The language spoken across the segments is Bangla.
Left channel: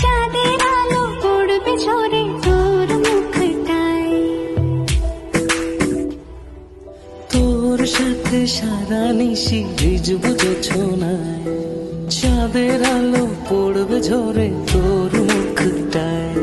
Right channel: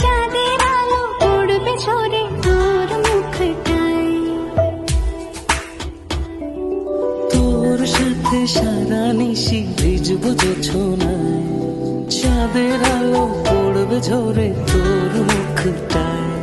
চাঁদের আলো পড়বে ঝরে সারা নিশি ভিজব জোছনায় চাঁদের আলো পড়বে ঝরে তোর মুখটায়।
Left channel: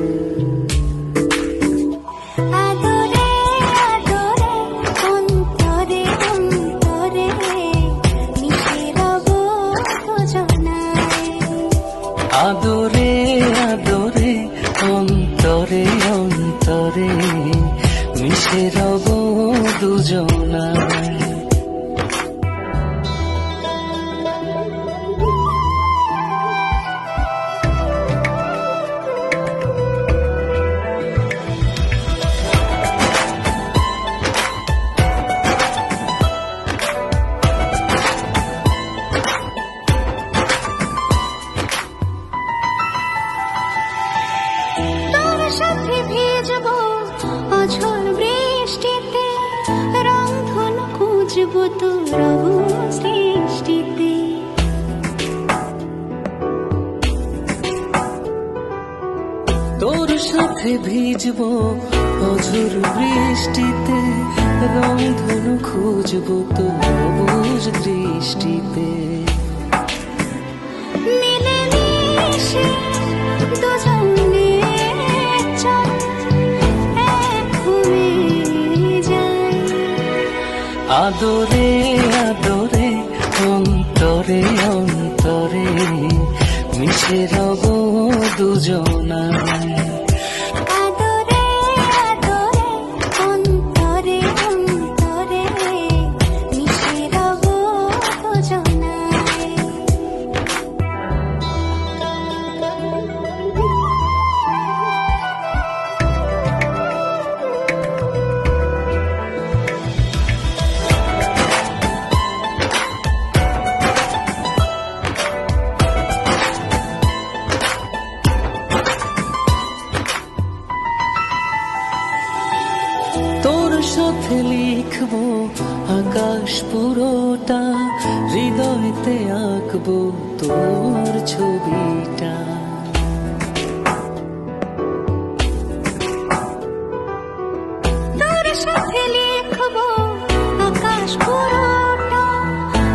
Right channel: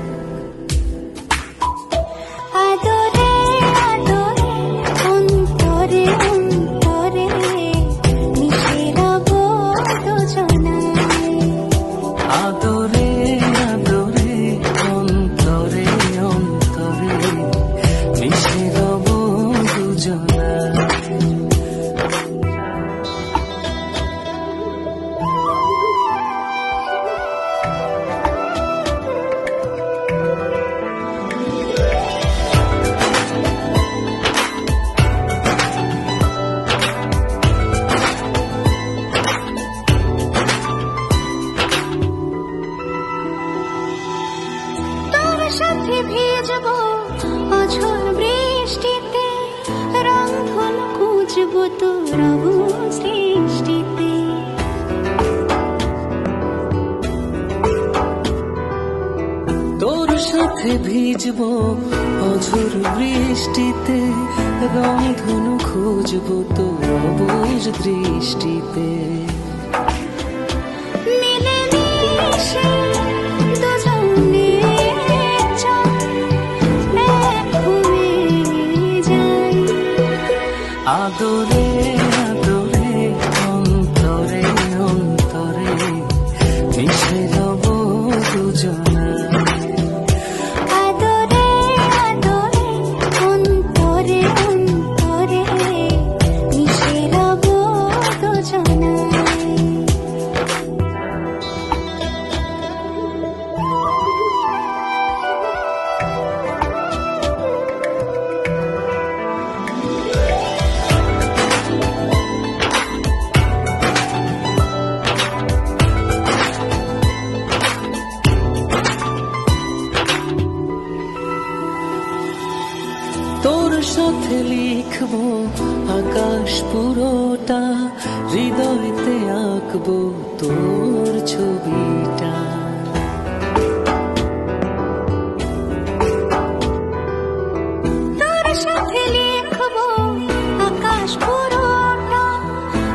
অঝোর বৃষ্টিতে রং ধন খুঁজব তোর সৃষ্টিতে তোর সাথে ভিজব অঝোর বৃষ্টিতে রং ধনু খুঁজব তোর অবুজ দৃষ্টিতে। adorar. তোর সাথে লিখব আকাশ পুরোটা হৃদয়তে আঁকবো তোর ছবিটা। তোর সাথে লিখব আকাশ পুরোটা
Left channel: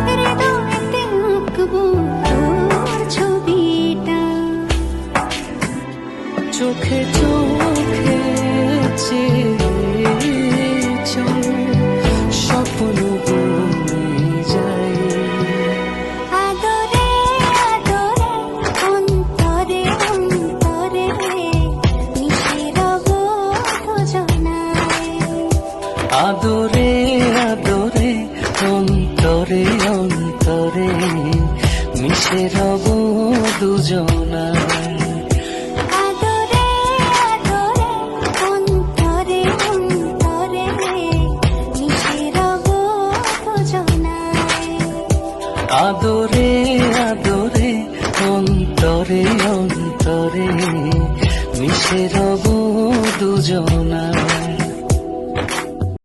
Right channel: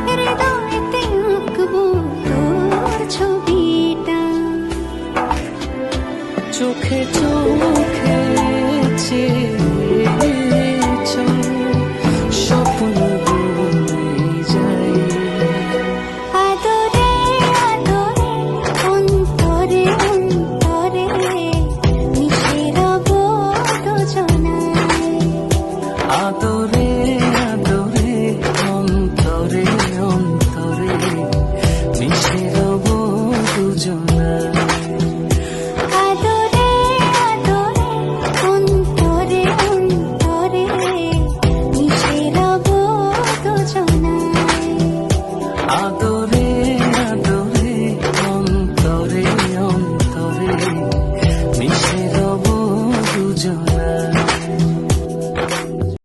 হৃদয়তে আঁকবো তোর ছবিটা। চোখে চোখে চল স্বপ্ন